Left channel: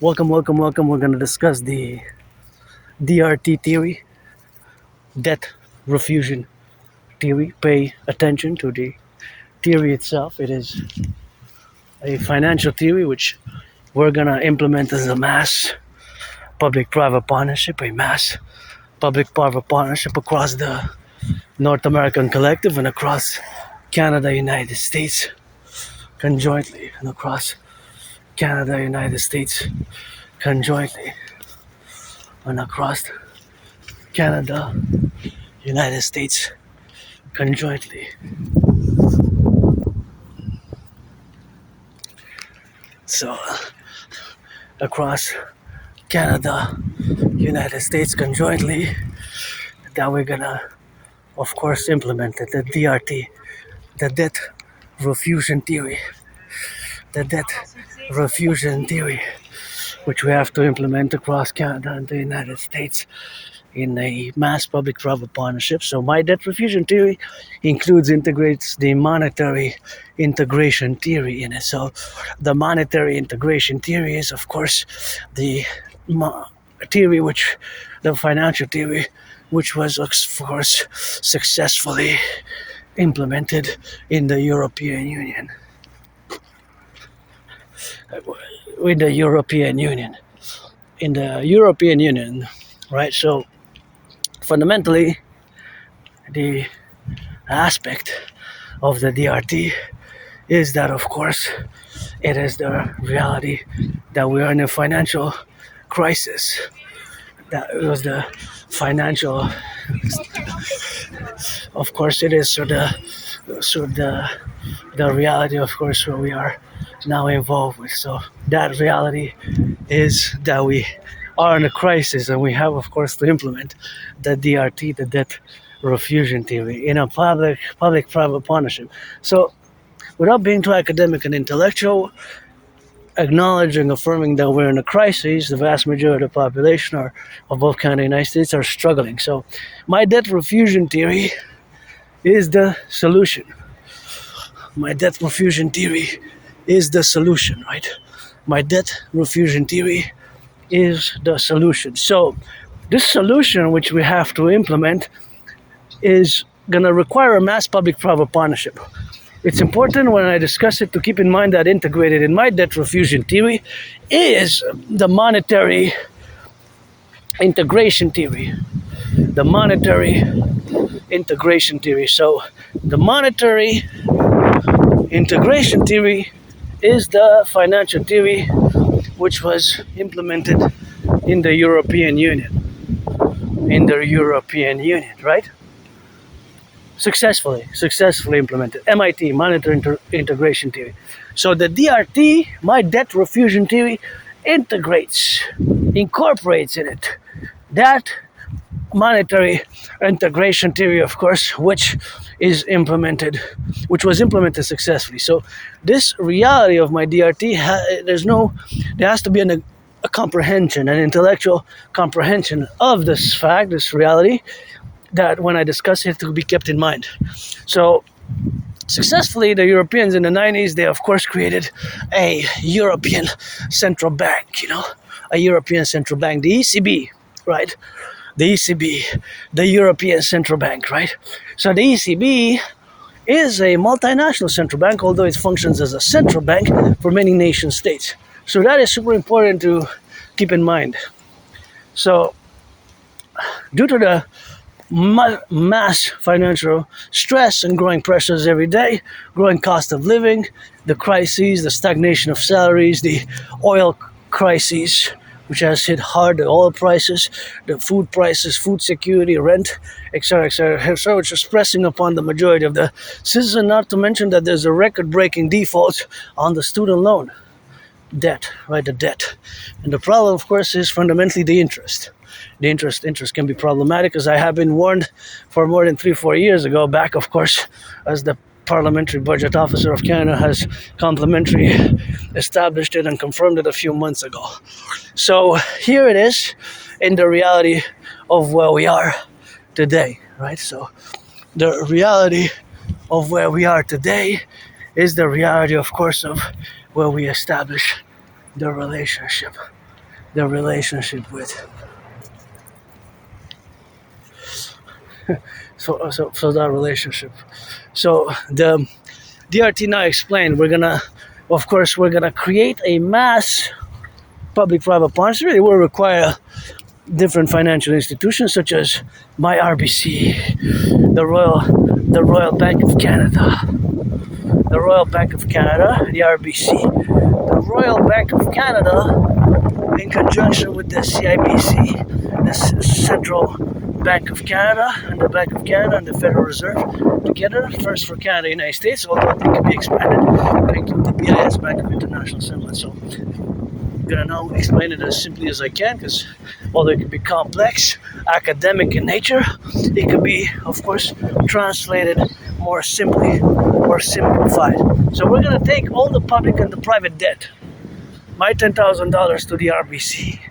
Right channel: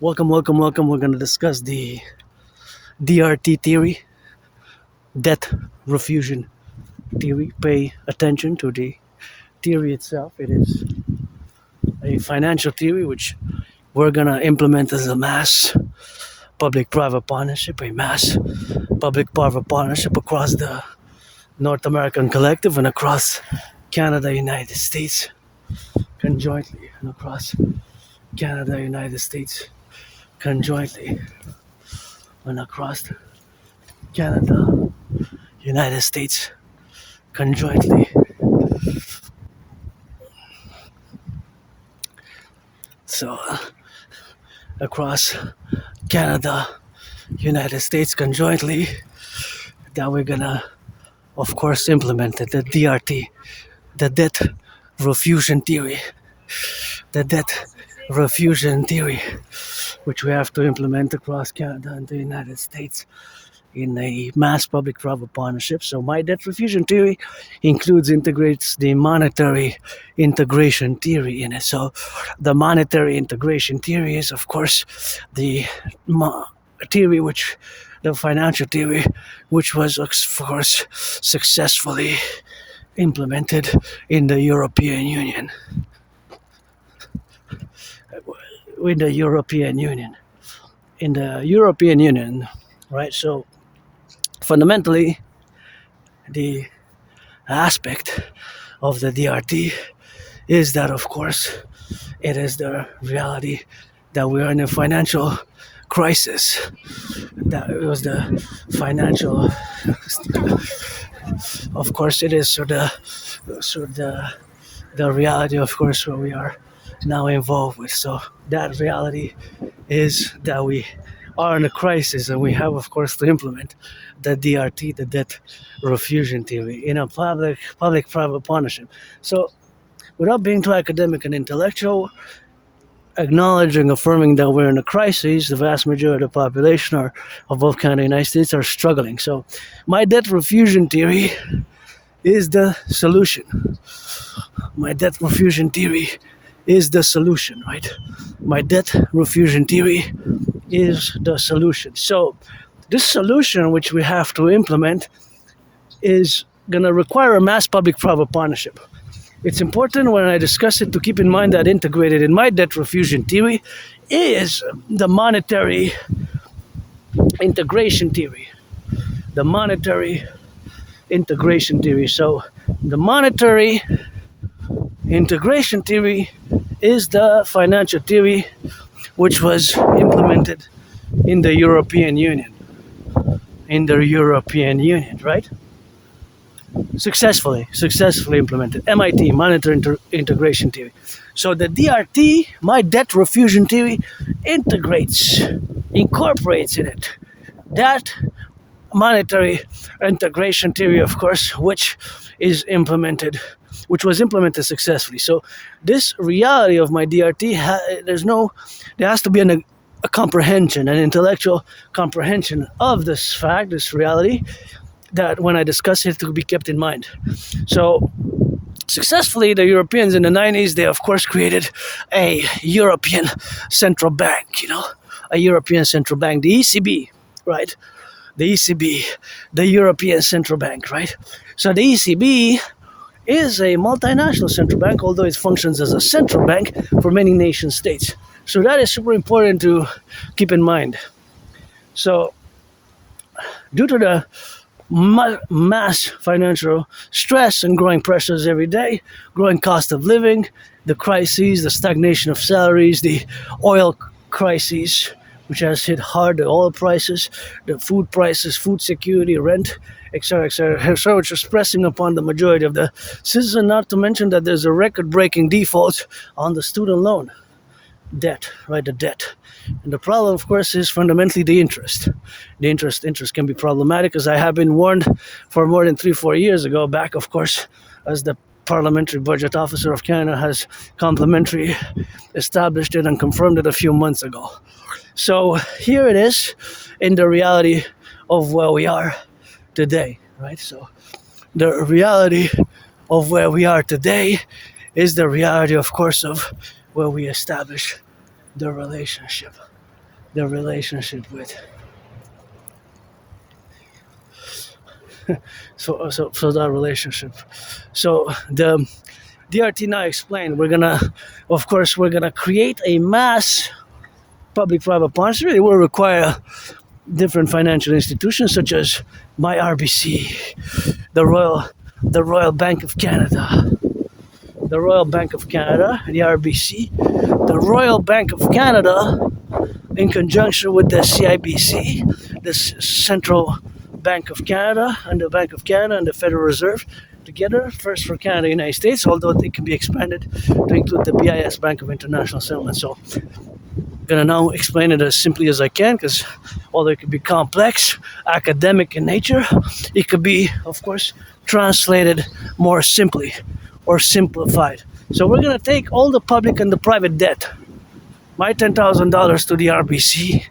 Welcome, welcome, welcome. We're going to discuss the DRT theory, debt refusion theory. Pay attention to the theory itself. It is a financial theory which we're going to implement as a mass public-private partnership, a mass public-private partnership across the North American Collective and across Canada, United States, conjointly, and across Canada, United States, conjointly, and across Canada, United States, conjointly. So, across Canada, United States, conjointly, that we're gonna, of course, implement the DRT, the debt refusion theory, the debt refusion theory, which we have to implement across Canada and the United States in a mass public-private partnership. So my debt refusion theory integrates the monetary integration theory in it. So the monetary integration theory is, of course, the theory the financial theory, which was, of course, successfully implemented in the European Union. With the European Union. In the European Union, right? So fundamentally, the aspect of the DRT is that, of course, it is the reality that we are in a financial crisis. That was the financial, of course, it is the reality, of course, where we are now involved with. So that reality is that we are in a crisis, and we have, of course, to implement the DRT, the debt refusion theory, in a public-private partnership. So, without being too academic and intellectual, acknowledging, affirming that we're in a crisis, the vast majority of the population of both Canada and the United States are struggling. So, my debt refusion theory is the solution. My debt refusion theory is the solution, right? My debt refusion theory is the solution. So this solution, which we have to implement, is going to require a mass public-private partnership. It's important when I discuss it to keep in mind that integrated in my debt refusion theory is the monetary integration theory. The monetary integration theory. So the monetary integration theory is the financial theory which was implemented in the European Union. In the European Union, right? Successfully implemented. MIT, monetary integration theory. So the DRT, my debt refusion theory, incorporates in it that monetary integration theory, of course, which was implemented successfully. So this reality of my DRT, there has to be a comprehension, an intellectual comprehension of this fact, this reality, that when I discuss it, to be kept in mind. So successfully, the Europeans in the 90s, they of course created a European central bank, a European central bank, the ECB, right? The ECB, the European Central Bank, right? So the ECB is a multinational central bank, although it functions as a central bank for many nation states. So that is super important to keep in mind. So due to the mass financial stress and growing pressures every day, growing cost of living, the crises, the stagnation of salaries, the oil crises, which has hit hard, the oil prices, the food prices, food security, rent, etc., so which is pressing upon the majority of the citizens, not to mention that there's a record-breaking default on the student loan debt, right, the debt. And the problem, of course, is fundamentally the interest. The interest can be problematic, as I have been warned for more than 3-4 years ago, back, of course, as the Parliamentary Budget Officer of Canada has complimentary established it and confirmed it a few months ago. So here it is in the reality of where we are today, right? So the reality of where we are today is the reality, of course, of where we establish the relationship the relationship with. So that relationship. So the DRT now explained of course, we're gonna create a mass public-private partnership. It will require different financial institutions such as my RBC, the Royal Bank of Canada, the Royal Bank of Canada, the RBC, the Royal Bank of Canada, in conjunction with the CIBC, the Central Bank of Canada, and the Bank of Canada and the Federal Reserve together, first for Canada and United States, although they could be expanded to include the BIS, Bank of International Settlement. So I'm gonna now explain it as simply as I can, because although it could be complex, academic in nature, it could be, of course, translated more simply or simplified. So we're gonna take all the public and the private debt, my $10,000 to the RBC,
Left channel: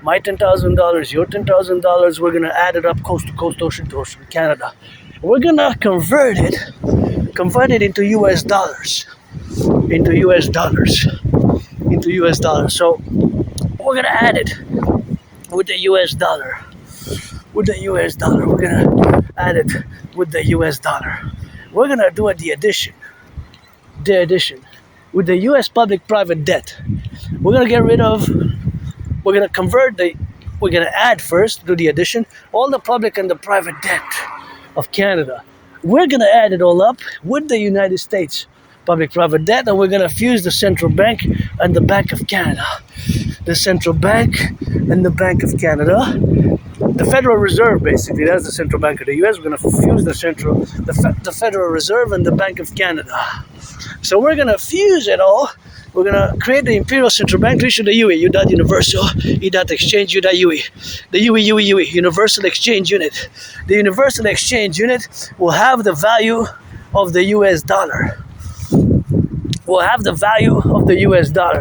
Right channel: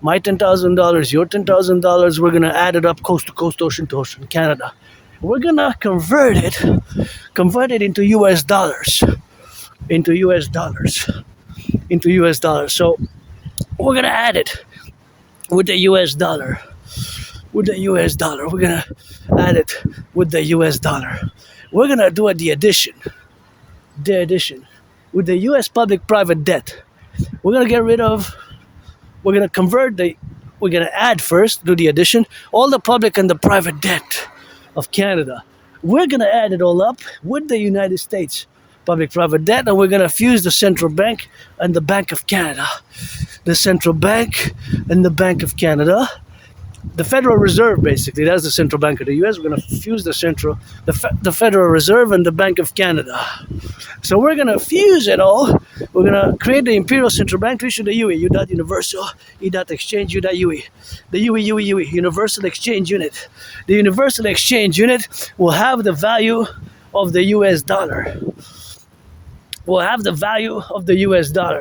my $10,000, your $10,000, we're gonna add it up coast to coast, ocean to ocean, Canada. We're gonna convert it into US dollars, into US dollars. So we're gonna add it with the US dollar. We're gonna add it with the US dollar. We're gonna do the addition. With the US public-private debt. We're gonna add first, do the addition, all the public and the private debt of Canada. We're gonna add it all up with the United States public-private debt, and we're gonna fuse the central bank and the Bank of Canada. The central bank and the Bank of Canada. The Federal Reserve, basically, that's the central bank of the US. We're gonna fuse the Federal Reserve and the Bank of Canada. So we're gonna fuse it all. We're gonna create the Imperial Central Bank, issue the UE, Universal, Exchange, UE. The UE, Universal Exchange Unit. The Universal Exchange Unit will have the value of the US dollar.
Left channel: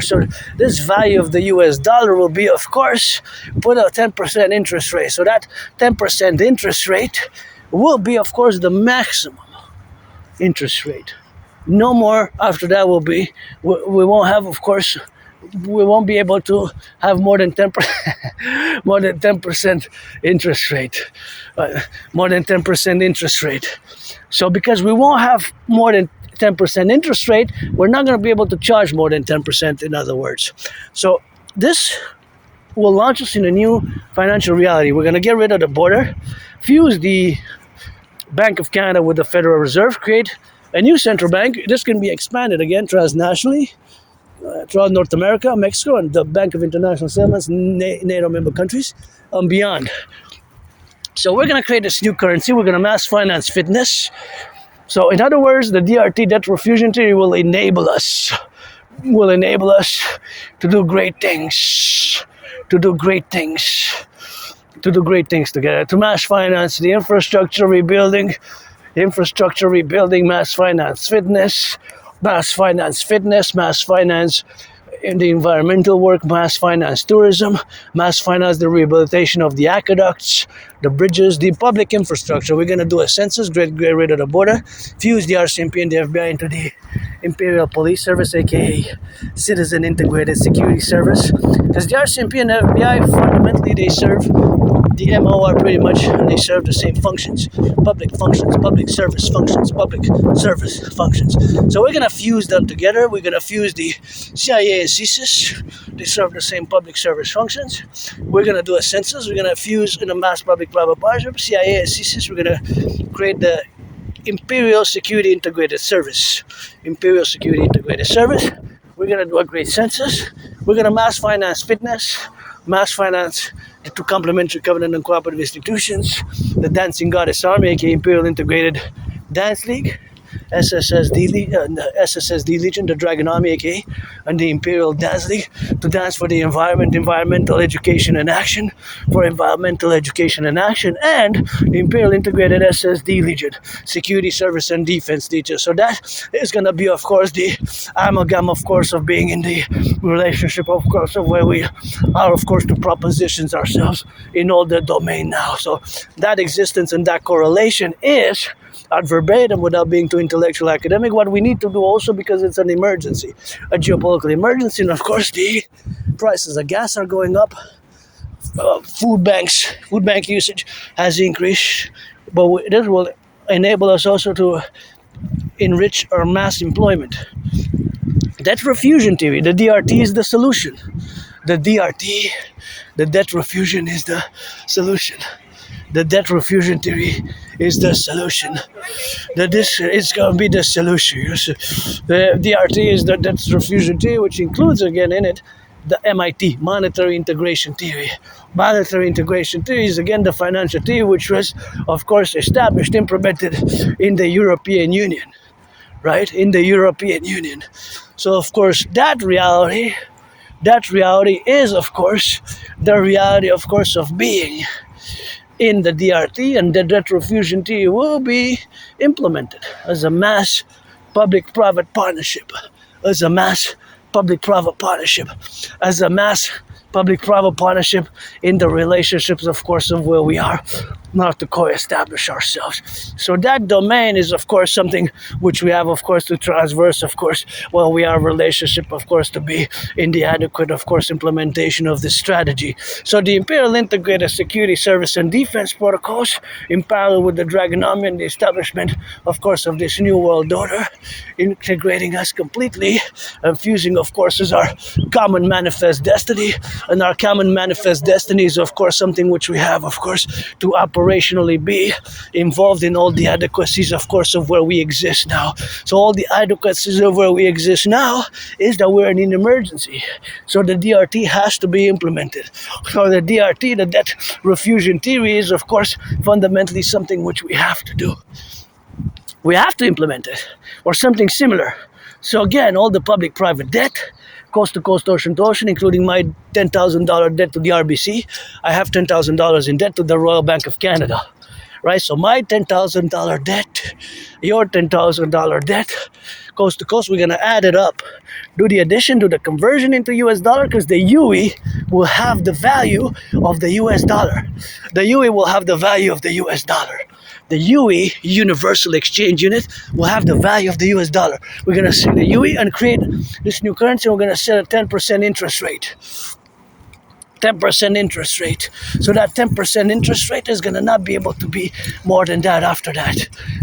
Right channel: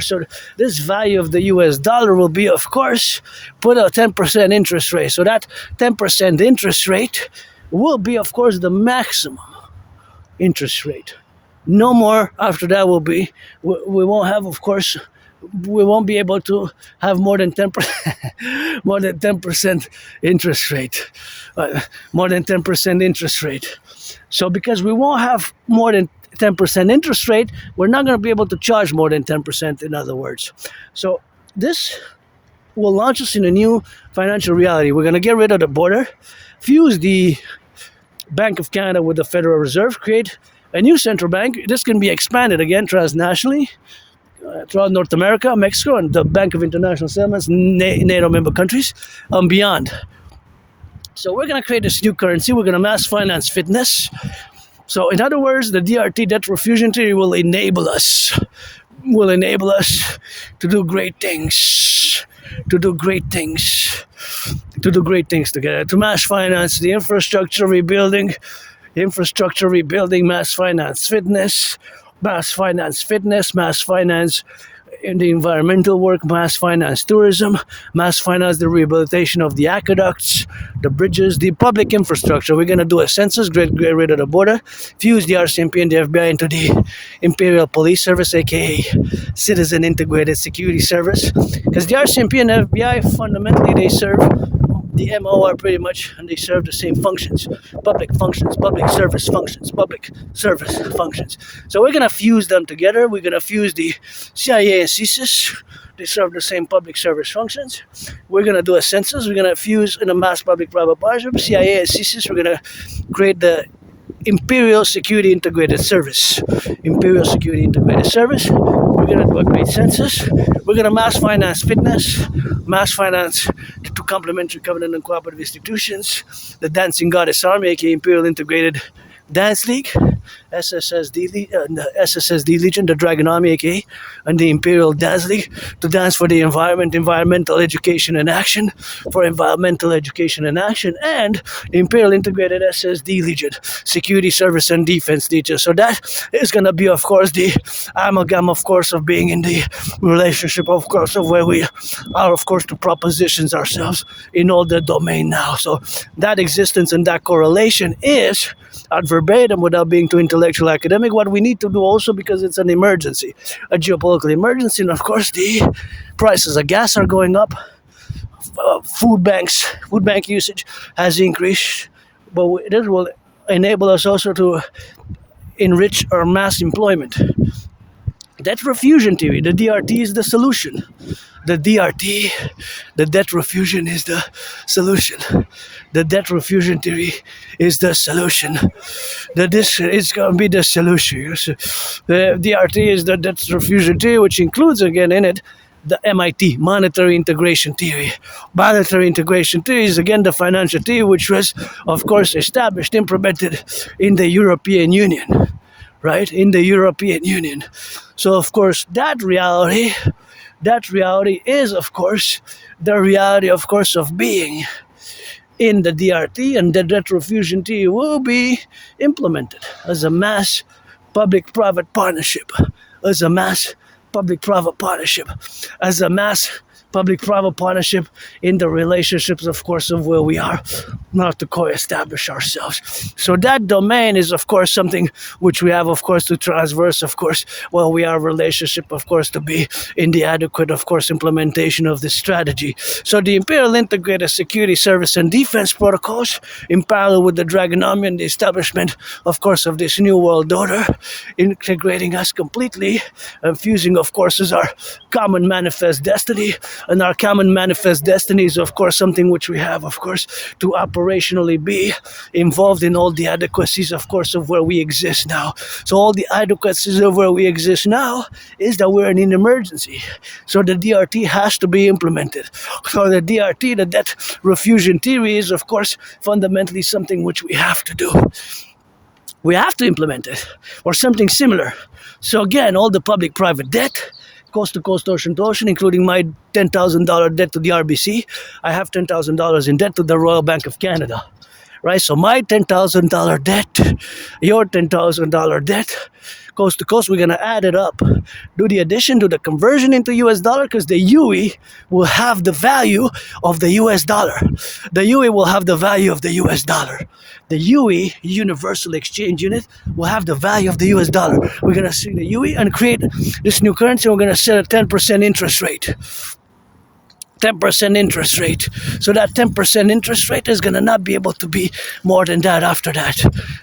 So this value of the US dollar will be, of course, put a 10% interest rate. So that 10% interest rate will be, of course, the maximum interest rate. No more after that will be, we won't have, of course, we won't be able to have more than 10% interest rate. So because we won't have more than 10% interest rate, we're not going to be able to charge more than 10%, in other words. So this will launch us in a new financial reality. We're going to get rid of the border, fuse the Bank of Canada with the Federal Reserve, create a new central bank. This can be expanded again transnationally throughout North America, Mexico, and the Bank of International Settlements, NATO member countries, and beyond. So we're going to create this new currency. We're going to mass finance fitness. So in other words, the DRT debt refusion theory will enable us to do great things together, to mass finance the infrastructure rebuilding, mass finance fitness, mass finance in the environmental work, mass finance tourism, mass finance the rehabilitation of the aqueducts, the bridges, the public infrastructure. We're going to do a census, get rid of the border, fuse the RCMP and the FBI into the Imperial Police Service, aka Citizen Integrated Security Service. Because the RCMP and the FBI, fundamentally, they serve the MOR pretty much, they serve the same functions, public service functions. So we're going to fuse them together. We're going to fuse the CIA and CSIS. They serve the same public service functions. We're going to do a census. We're going to fuse in a mass public-private partnership, CIA and CSIS. We're going to create the Imperial Security Integrated Service. We're going to do a great census. We're going to mass finance fitness, mass finance the two complementary covenant and cooperative institutions, the Dancing Goddess Army, aka Imperial Integrated Dance League, SSSD Legion, the Dragon Army, aka, and the Imperial Dance League, to dance for the environmental education and action, and the Imperial Integrated SSD Legion, Security Service and Defense Legion. So that is going to be, of course, the amalgam, of course, of being in the relationship, of course, of where we are, of course, to propositions ourselves in all the domain now. So that existence and that correlation is at verbatim without being too intellectual academic, what we need to do also, because it's an emergency, a geopolitical emergency, and of course the prices of gas are going up, food bank usage has increased, but this will enable us also to enrich our mass employment. Debt refusion theory, the DRT is the solution. The DRT, the debt refusion is the solution. The debt refusion theory is the solution. This is going to be the solution. The DRT is the debt refusion theory, which includes again in it the MIT, monetary integration theory. Monetary integration theory is again the financial theory, which was, of course, established, implemented in the European Union, right? In the European Union. So, of course, that reality is, of course, the reality, of course, of being in the DRT, and the debt refusion theory will be implemented as a mass public-private partnership, as a mass public-private partnership, as a mass public-private partnership in the relationships, of course, of where we are, not to co-establish ourselves. So that domain is, of course, something which we have, of course, to transverse, of course, while we are relationship, of course, to be in the adequate, of course, implementation of this strategy. So the Imperial Integrated Security Service and Defense Protocols, in parallel with the Dragonomy and the establishment, of course, of this new world order, integrating us completely and fusing, of course, as our common manifest destiny. And our common manifest destiny is, of course, something which we have, of course, to operationally be involved in all the adequacies, of course, of where we exist now. So all the adequacies of where we exist now is that we're in an emergency. So the DRT has to be implemented. So the DRT, the debt refusion theory, is, of course, fundamentally something which we have to do. We have to implement it, or something similar. So again, all the public-private debt, coast to coast, ocean to ocean, including my $10,000 debt to the RBC. I have $10,000 in debt to the Royal Bank of Canada, right? So my $10,000 debt, your $10,000 debt, coast to coast, we're going to add it up. Do the addition, do the conversion into US dollar, because the UE will have the value of the US dollar. The UE will have the value of the US dollar. The UE, Universal Exchange Unit, will have the value of the US dollar. We're going to set the UE and create this new currency. We're going to set a 10% interest rate. 10% interest rate. So that 10% interest rate is going to not be able to be more than that after that.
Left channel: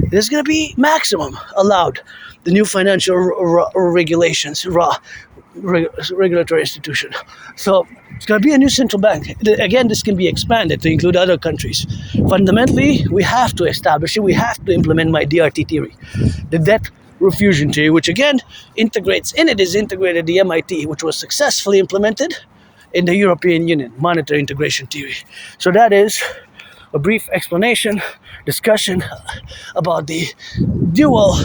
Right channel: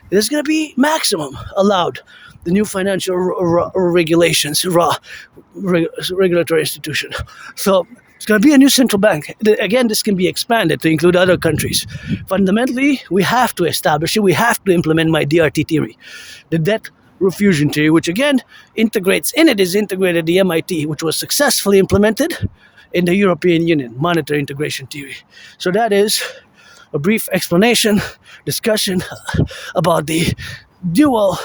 There's going to be maximum allowed. The new financial regulations, regulatory institution. So it's going to be a new central bank. Again, this can be expanded to include other countries. Fundamentally, we have to establish it. We have to implement my DRT theory. The debt refusion theory, which again integrates, in it is integrated the MIT, which was successfully implemented in the European Union, monetary integration theory. So that is a brief explanation, discussion about the dual.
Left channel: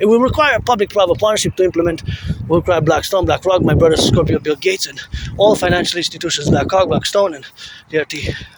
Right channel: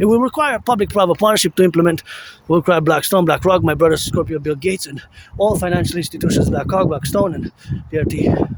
It will require public-private partnership to implement. It will require Blackstone, BlackRock, my brother Scorpio, Bill Gates, and all financial institutions, BlackRock, Blackstone, and DRT.